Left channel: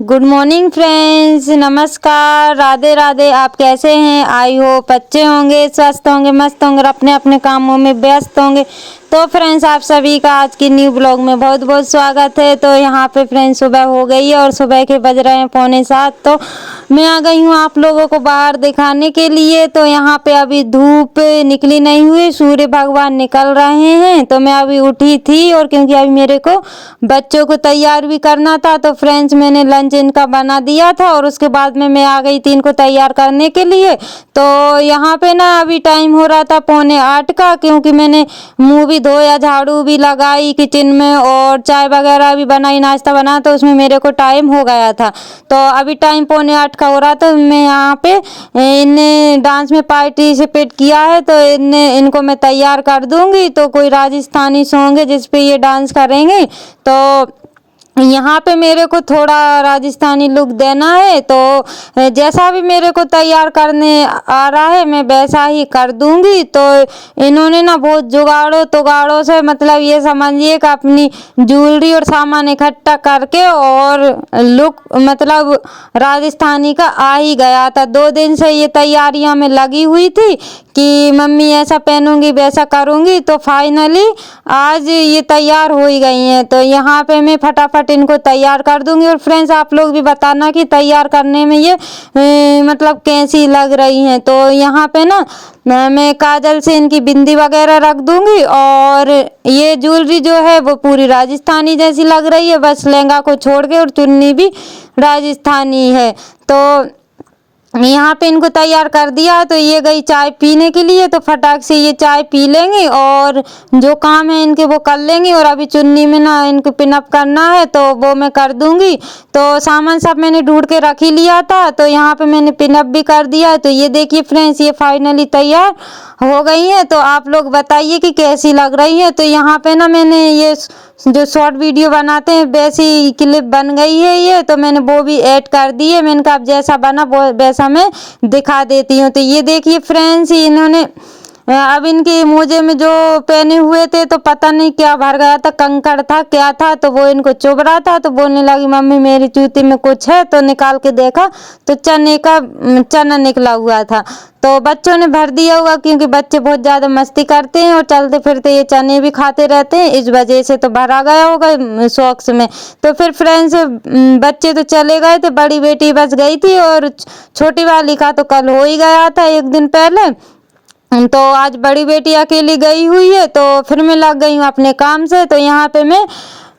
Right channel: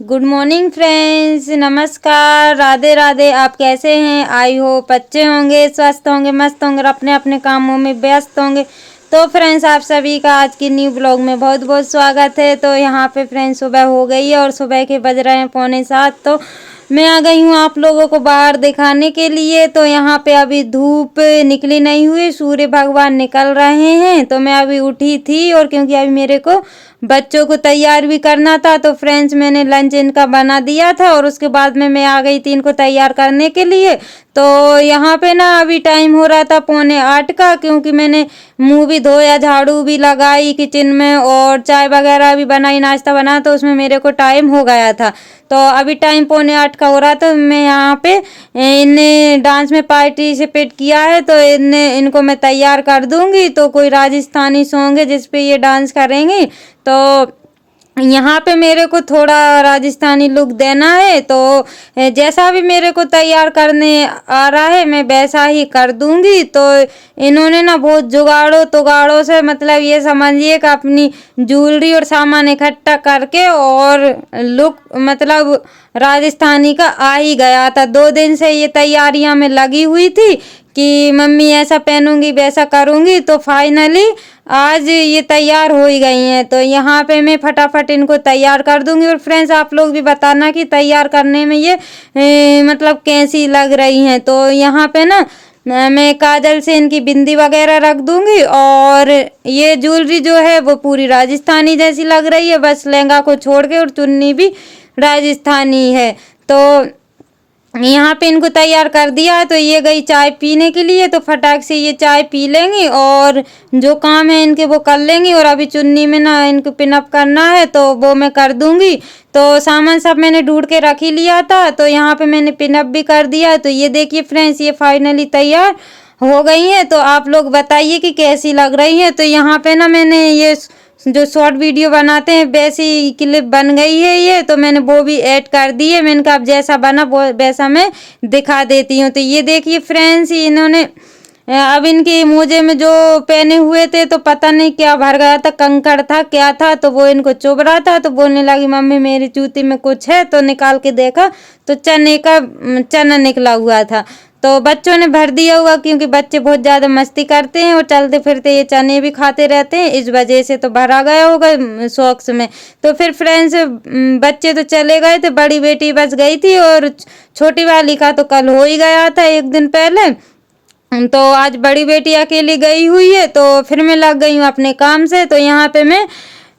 Good morning friends, नमस्कार, राधे राधे। आप कैसे हैं? आई होप अच्छे होंगे, स्वस्थ होंगे, मस्त होंगे और अपने अपने कामों में व्यस्त होंगे। तो फ्रेंड्स, आप सभी का आज की न्यू ब्लॉग में बहुत बहुत स्वागत है। तो यहाँ पे फ्रेंड्स सुबह हो गई है और सुबह के बज रहे हैं 6:45। तो मैं आ गई हूँ आप लोगों को बाहर दिखाने के लिए। तो यहाँ पे अभी धूप निकली नहीं हुई, सूर्य भगवान निकल रहे हैं। तो मैं अभी उठी थी और क्योंकि अभी मेरे को बच्चों को तैयार भी करना था, तो फ्रेंड्स मैंने लंच इनका बना दिया था और उसके बाद में मैं आ गई थी इनको तैयार करने के लिए। तो यहाँ पे ना अभी टाइम हो रहा था 7:45 का, क्योंकि मैंने मुँह भी धोया, झाड़ू भी लगाई किचन में और चाय वगैरह भी बनाई, नाश्ता बना, तो उसमें मेरे को टाइम हो गया था। तो अभी टाइम 7:45 का हो रहा, तो मैं यहाँ पे इन्हें डांस में पार्टिसिपेट किया है, तो इनको मैं तैयार कर दूंगी। तो कोई राजस्थानी सॉन्ग है जिसपे ये डांस करेंगे। तो यहाँ पे मेरे को थोड़ा राजस्थानी लुक देना है, तो जैसा भी मेरे को तैयार करने आ रहा है मैं वैसा ही कर दूंगी। तो इन्होंने ना बहुत जुगाड़ों तुगाड़ों से, मतलब ये समझिए कि अपनी ज्वेलरी और सामान इकट्ठा करके और लुक मतलब राजस्थानी का आ ही गया था। 2 दिन से ये तैयारियां में लगी हुई थी कि मम्मी ऐसा पहनूंगी वैसा करूंगी। तो फाइनली आज ये तैयार हो ही गई हैं। तो यहाँ पे मैं फटाफट इनको तैयार कर दूंगी। और फ्रेंड्स, आप लोग भी बताना कि तैयार करने में ये मतलब कैसी लग रही हैं। तो यहाँ पे ना मैं काजल से इनकी बिंदी वगैरह रख दूंगी और ये ज्वेलरी जो है वो पूरी राजस्थानी जैसी लग रही है, बस लहंगा को छोड़ के, और चुन्नी भी राजस्थानी है। तो यहाँ पे इनको तैयार कर दिया। तो ये गई चाय पीने के लिए, तो फटाक से ये चाय पी लेंगी और जो काम है इनके वो कर लेंगी। और अभी चुन्नी में ना इनको पिनअप करना है, तो वो मैं कर दूंगी। तो सामान सब मैंने ढूंढ के रख ही लिया था, तो यहाँ पे मैंने पिनअप भी कर दिया। तो ये देखिए फ्रेंड्स, ये फाइनली तैयार हो गई है। तो आप लोग बताइए कि कैसी लग रही है। तो यहाँ पे ना मैंने ये जो शॉर्ट वीडियो बनाते हैं वैसी क्लिप बन गई है ये, तो मैंने वो भी ऐड कर दी है। मैंने कहा अब जैसा बना वो वैसा मैं दिखा देती हूँ। तो ये देखिए फ्रेंड्स, इन्होंने अब इनके मोजे में जो पहने हुए थे तो पता नहीं क्या भर गया था, कंकड़ था क्या था, तो वो इनको चुभ रहा था। तो बोलने लगी मम्मी मेरी जूती में कुछ है। तो निकाल के देखा तो चना निकला हुआ था। तो बच्चों ने भर दिया हुआ, क्योंकि बच्चे बहुत ज़्यादा मस्ती करते हैं और चलते फिरते ये चने भी खाते रहते हैं, इस वजह से तो भरा गया होगा सॉक्स में। तो फिर फ्रेंड्स, बच्चे तो चले गए थे, बड़ी बेटी बस गई थी और छोटी वाली का तो कल हो ही गया था 1 दिन पहले। तो आज बड़ी बेटी अकेली गई हुई है, तो फिर मैं लग गई हूँ अपने काम से। तो यहाँ पे मैं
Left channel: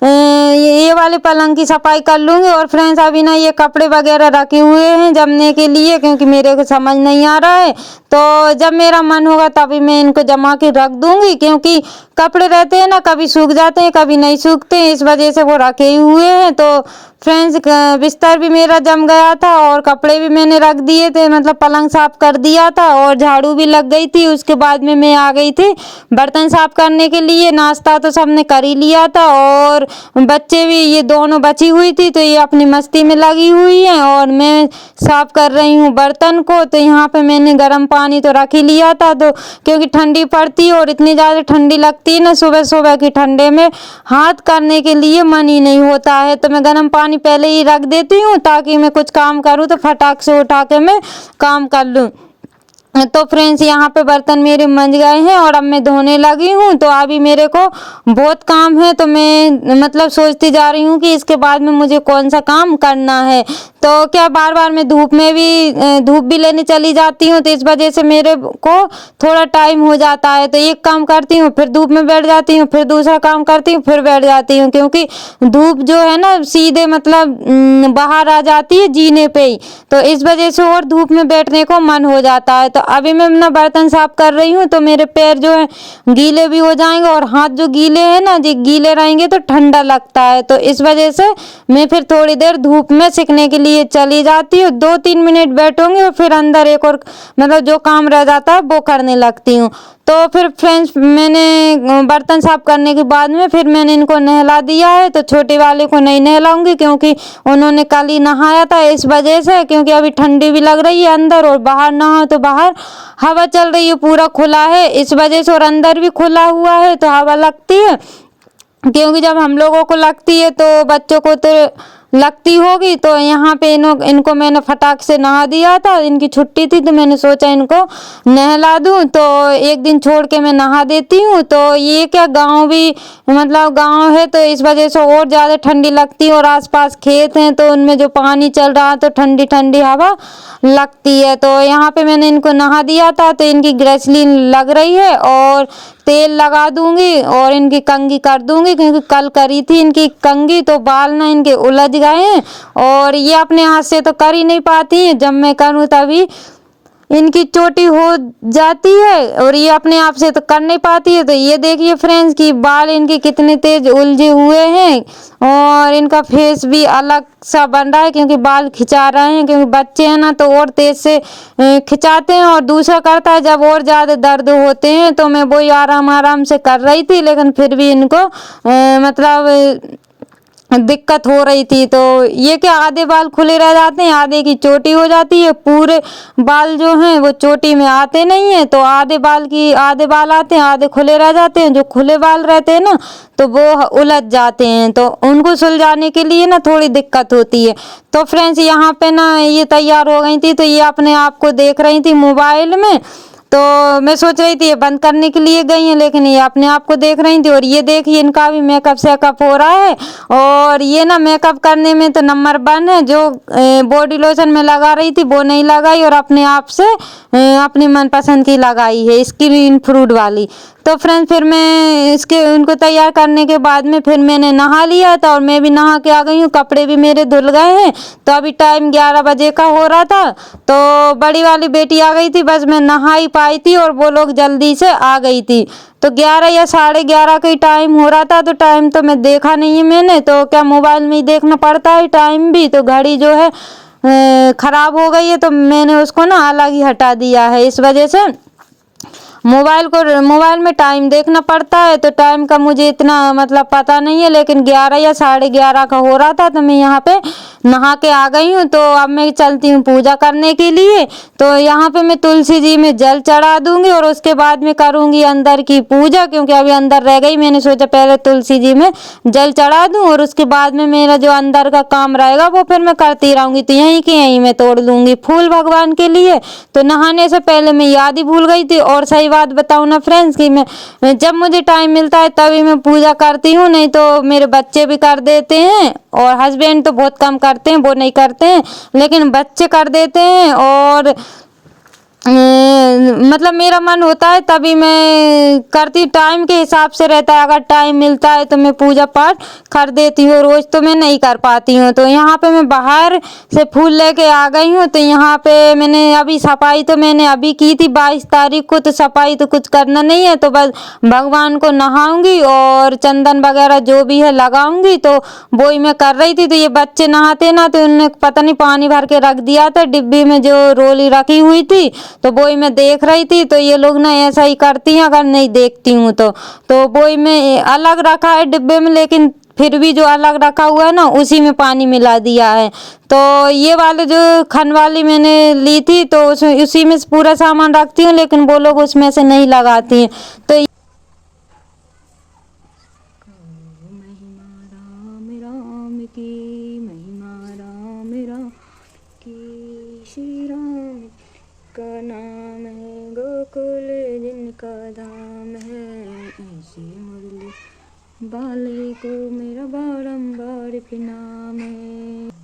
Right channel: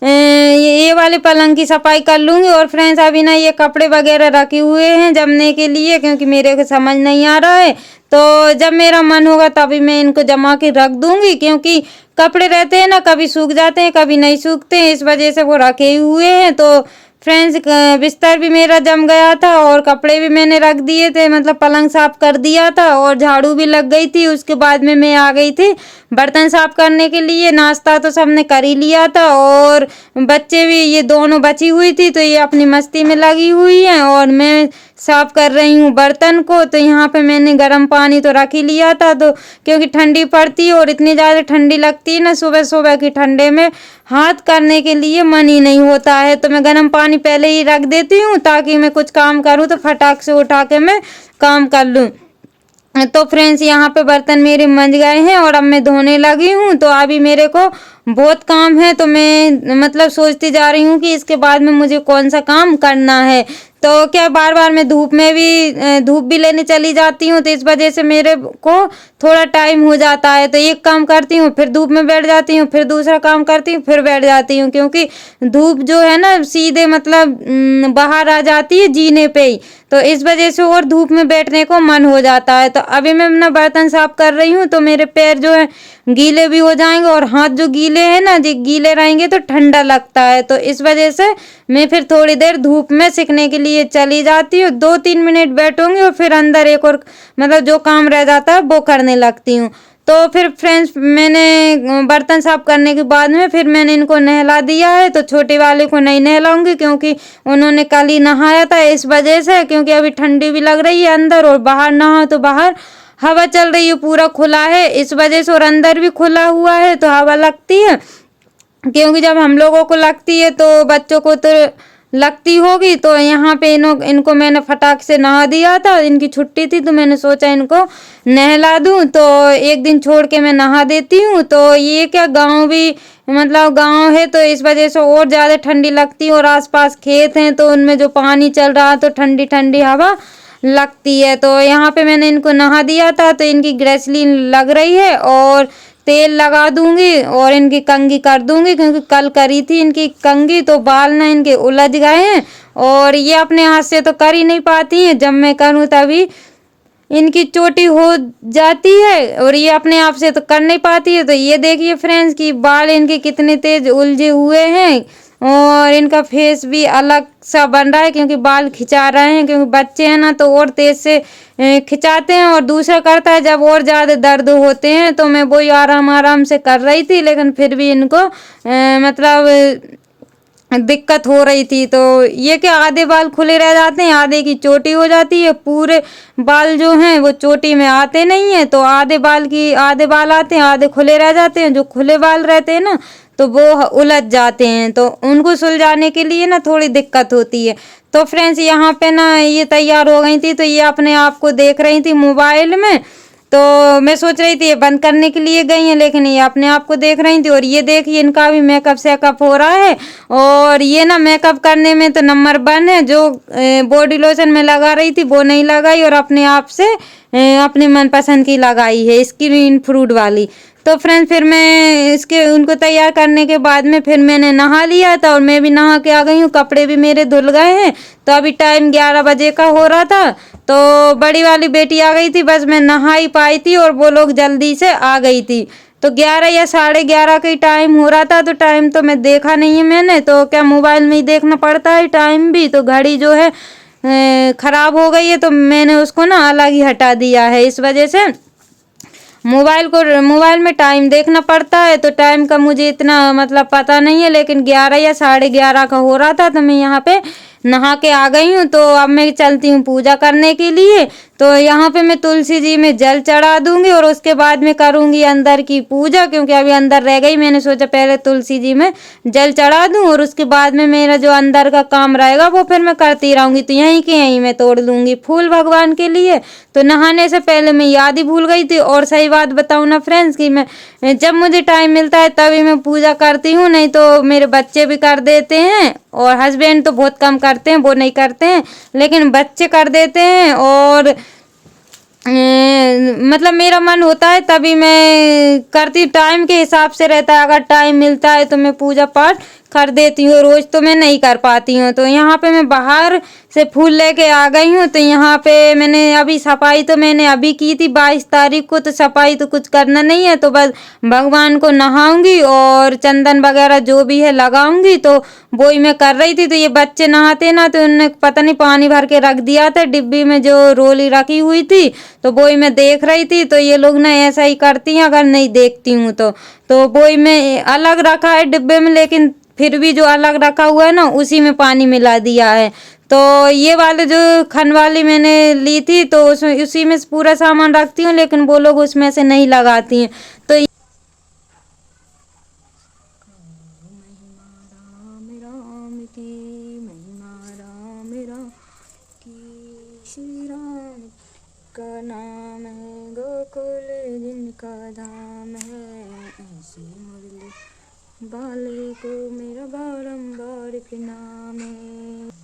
ये वाले पलंग की सफाई कर लूँगी। और फ्रेंड्स, अभी ना ये कपड़े वगैरह रखे हुए हैं जमने के लिए, क्योंकि मेरे को समझ नहीं आ रहा है। तो जब मेरा मन होगा तभी मैं इनको जमा के रख दूँगी, क्योंकि कपड़े रहते हैं ना, कभी सूख जाते हैं कभी नहीं सूखते हैं, इस वजह से वो रखे हुए हैं। तो फ्रेंड्स, बिस्तर भी मेरा जम गया था और कपड़े भी मैंने रख दिए थे, मतलब पलंग साफ कर दिया था और झाड़ू भी लग गई थी। उसके बाद में मैं आ गई थी बर्तन साफ करने के लिए। नाश्ता तो सबने कर ही लिया था और बच्चे भी, ये दोनों बची हुई थी, तो ये अपनी मस्ती में लगी हुई हैं और मैं साफ कर रही हूँ बर्तन को। तो यहाँ पे मैंने गर्म पानी तो रख ही लिया था, तो क्योंकि ठंडी पड़ती है और इतनी ज़्यादा ठंडी लगती है ना, सुबह सुबह की ठंडे में हाथ करने के लिए मन ही नहीं होता है। तो मैं गर्म पानी पहले ही रख देती हूँ, ताकि मैं कुछ काम करूँ तो फटाक से उठा के मैं काम कर लूँ। तो फ्रेंड्स, यहाँ पे बर्तन मेरे मंज गए हैं और अब मैं धोने लगी हूँ। तो अभी मेरे को बहुत काम है, तो मैं मतलब सोचती जा रही हूँ कि इसके बाद में मुझे कौन सा काम करना है। तो क्या बार बार मैं धूप भी लेने चली जाती हूँ, तो इस वजह से मेरे को थोड़ा टाइम हो जाता है। तो एक काम करती हूँ, फिर धूप में बैठ जाती हूँ, फिर दूसरा काम करती हूँ, फिर बैठ जाती हूँ, क्योंकि धूप जो है ना सीधे मतलब बाहर आ जाती है जीने पे ही, तो इस वजह से और धूप में बैठने को मन हो जाता है। तो अभी मैं ना बर्तन साफ कर रही हूँ, तो मेरे पैर जो है गीले भी हो जाएंगे और हाथ जो गीले हैं ना, जो गीले रहेंगे तो ठंडा लगता है। तो इस वजह से मैं फिर थोड़ी देर धूप में सीखने के लिए चली जाती हूँ, 2-3 मिनट बैठूंगी और फिर अंदर एक और मतलब जो काम रह जाता है वो करने लगती हूँ। तो फिर फ्रेंड्स, मैंने बर्तन साफ करने के बाद में फिर मैंने इनको नहला दिया है। तो छोटे वाले को नहीं नहलाऊंगी, क्योंकि उन्होंने कल ही नहाया था, इस वजह से, क्योंकि अभी ठंडी भी लग रही है अंदर और बाहर नहा तो बाहर हवा चल रही है, पूरा खुला है इस वजह से, और अंदर भी खुला हुआ है तो हवा लगती है। क्योंकि जब हम लोगों को लगती है तो बच्चों को तो लगती होगी। तो यहाँ पे इनको मैंने फटाक से नहा दिया था, इनकी छुट्टी थी तो मैंने सोचा इनको नहला दूँ। तो एक दिन छोड़ के मैं नहा देती हूँ। तो ये क्या गांव भी मतलब गांव है तो इस वजह से और ज़्यादा ठंडी लगती है, और आसपास खेत हैं तो उनमें जो पानी चल रहा है तो ठंडी ठंडी हवा लगती है। तो यहाँ पे मैंने इनको नहा दिया था, तो इनकी ग्रेसलीन लग रही है और तेल लगा दूंगी और इनकी कंघी कर दूंगी, क्योंकि कल करी थी इनकी कंघी तो बाल ना इनके उलझ गए हैं, और ये अपने हाथ से तो कर ही नहीं पाती हैं, जब मैं करूँ तभी इनकी चोटी हो जाती है और ये अपने आप से तो कर नहीं पाती है। तो ये देखिए फ्रेंड्स कि बाल इनके कितने तेज उलझे हुए हैं, और इनका फेस भी अलग सा बन रहा है क्योंकि बाल खिंचा रहे हैं, क्योंकि बच्चे हैं ना तो और तेज से खिंचाते हैं। और दूसरा करता है जब और ज़्यादा दर्द होते हैं, तो मैं वही आराम आराम से कर रही थी, लेकिन फिर भी इनको मतलब दिक्कत हो रही थी। तो ये क्या आधे बाल खुले रह जाते हैं, आधे की चोटी हो जाती है, पूरे बाल जो हैं वो चोटी में आते नहीं है। तो आधे बाल आते हैं, आधे खुले रह जाते हैं। जो खुले बाल रहते हैं ना तो वो उलझ जाते हैं, तो उनको सुलझाने के लिए ना थोड़ी दिक्कत होती है। तो फ्रेंड्स यहाँ पे ना ये तैयार हो गई थी, तो ये अपने आप को देख रही थी मोबाइल में। तो मैं सोच रही थी ये बंद करने के लिए गई हैं, लेकिन ये अपने आप को देख रही थी। और ये देखिए इनका भी मेकअप शेकअप हो रहा है, और ये ना मेकअप करने में तो नंबर 1 है। जो बॉडी लोशन में लगा रही थी वो नहीं लगाई, और अपने आप से अपनी मनपसंद की लगाई है, स्क्रीन फ्रूट वाली। तो फ्रेंड्स फिर मैं उनको तैयार करने के बाद में फिर मैंने नहा लिया था, और मैं भी नहा के आ गई हूँ, कपड़े भी मेरे धुल गए हैं। तो अभी टाइम 11 बजे का हो रहा था, तो बड़ी वाली बेटी आ गई थी, बस मैं नहा ही पाई थी और वो लोग जल्दी से आ गई थी। तो 11 या 11:30 का ही टाइम हो रहा था, तो टाइम तो मैं देखा नहीं है मैंने, तो क्या मोबाइल में ही देखना पड़ता है टाइम भी। तो घड़ी जो है ख़राब हो गई है, तो मैंने उसको ना अलग ही हटा दिया है। इस वजह से मोबाइल में टाइम देखना पड़ता है, तो टाइम का मुझे इतना मतलब पता नहीं है, लेकिन 11 या 11:30 का हो रहा था। तो मैं यहाँ पे नहा के आ गई हूँ। तो अब मैं चलती हूँ पूजा करने के लिए। तो यहाँ पे मैं तुलसी जी में जल चढ़ा दूंगी, और उसके बाद में करूँगी अंदर की पूजा, क्योंकि अभी अंदर रह गई। मैंने सोचा पहले तुलसी जी में जल चढ़ा दूँ, और उसके बाद में मेरा जो अंदर का काम रहेगा वो फिर मैं करती रहूँगी। तो यहीं के यहीं मैं तोड़ लूँगी फूल भगवान के लिए। तो नहाने से पहले मैं याद ही भूल गई थी। और सही बात बताऊँ ना फ्रेंड्स कि मैं जब मुझे टाइम मिलता है तभी मैं पूजा करती हूँ, नहीं तो मेरे बच्चे भी कर देते हैं, और हस्बैंड तो बहुत कम करते हैं, वो नहीं करते हैं, लेकिन बच्चे कर देते हैं। और मतलब मेरा मन होता है तभी मैं करती, टाइम के हिसाब से रहता है। अगर टाइम मिलता है तो मैं पूजा पाठ कर देती हूँ, रोज़ तो मैं नहीं कर पाती हूँ। तो यहाँ पे मैं बाहर से फूल लेके आ गई हूँ। तो यहाँ पे मैंने अभी सफाई तो मैंने अभी की थी 22 तारीख को, तो सफाई तो कुछ करना नहीं है। तो बस भगवान को नहाऊंगी और चंदन वगैरह जो भी है लगाऊंगी, तो वो ही मैं कर रही थी। तो ये बच्चे नहाते ना, तो उन्होंने पता नहीं पानी भर के रख दिया था डिब्बी में, जो रोली रखी हुई थी, तो वो ही मैं देख रही थी। तो ये लोग ना ऐसा ही करती हैं अगर नहीं देखती हूँ तो वो ही मैं अलग रखा है डिब्बे में, लेकिन फिर भी जो अलग रखा हुआ है ना उसी में पानी मिला दिया है। तो ये वाले जो खन वाली मैंने ली थी, तो उसमें उसी में पूरा सामान रखती हूँ, लेकिन वो लोग उसमें से नहीं लगाती हैं। तो राम की महिमा, राम राम की, श्री राम का नाम है गोकुल जिनका धाम है, ऐसी मुरली बाले को मेरा बारंबार प्रणाम है।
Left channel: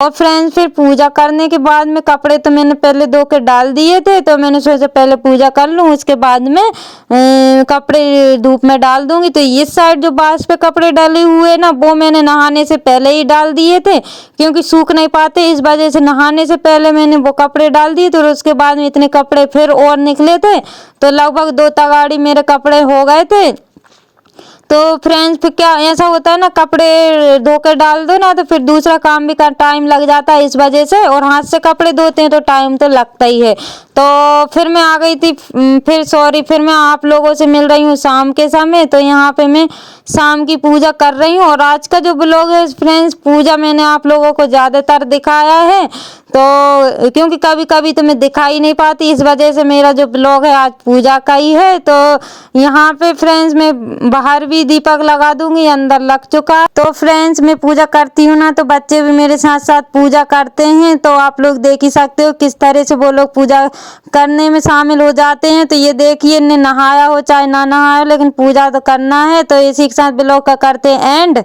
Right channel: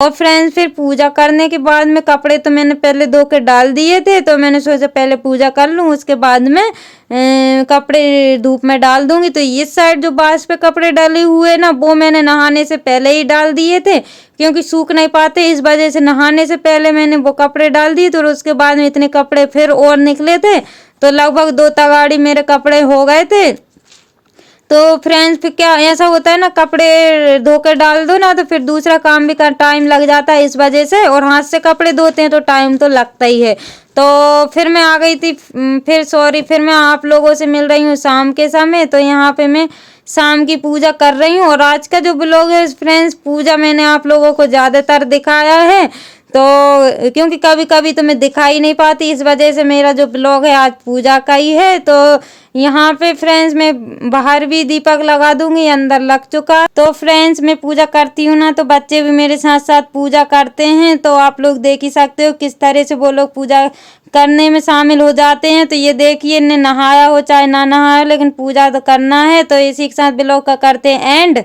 और फ्रेंड्स फिर पूजा करने के बाद में कपड़े तो मैंने पहले धो के डाल दिए थे, तो मैंने सोचा पहले पूजा कर लूँ, उसके बाद में कपड़े धूप में डाल दूंगी। तो इस साइड जो बांस पे कपड़े डाले हुए ना, वो मैंने नहाने से पहले ही डाल दिए थे, क्योंकि सूख नहीं पाते, इस वजह से नहाने से पहले मैंने वो कपड़े डाल दिए। तो उसके बाद में इतने कपड़े फिर और निकले थे, तो लगभग 2 तगाड़ी मेरे कपड़े हो गए थे। तो फ्रेंड्स फिर क्या ऐसा होता है ना, कपड़े धो कर डाल दो ना तो फिर दूसरा काम भी कर टाइम लग जाता है इस वजह से, और हाथ से कपड़े धोते हैं तो टाइम तो लगता ही है। तो फिर मैं आ गई थी, फिर मैं आप लोगों से मिल रही हूँ शाम के समय। तो यहाँ पे मैं शाम की पूजा कर रही हूँ, और आज का जो ब्लॉग है फ्रेंड्स, पूजा मैंने आप लोगों को ज़्यादातर दिखाया है, तो क्योंकि कभी कभी तो मैं दिखाई नहीं पाती, इस वजह से मेरा जो ब्लॉग है आज पूजा का ही है। तो यहाँ पे फ्रेंड्स मैं बाहर भी दीपक लगा दूंगी, अंदर लग चुका है। तो फ्रेंड्स मैं पूजा करती हूँ ना, तो बच्चे भी मेरे साथ साथ पूजा करते हैं, तो आप लोग देख ही सकते हो किस तरह से वो लोग पूजा करने में शामिल हो जाते हैं। तो ये देखिए, इन्हें नहाया हो चाहे ना नहाया हो, लेकिन पूजा तो करना है। तो इसी के साथ ब्लॉग का करते हैं एंड।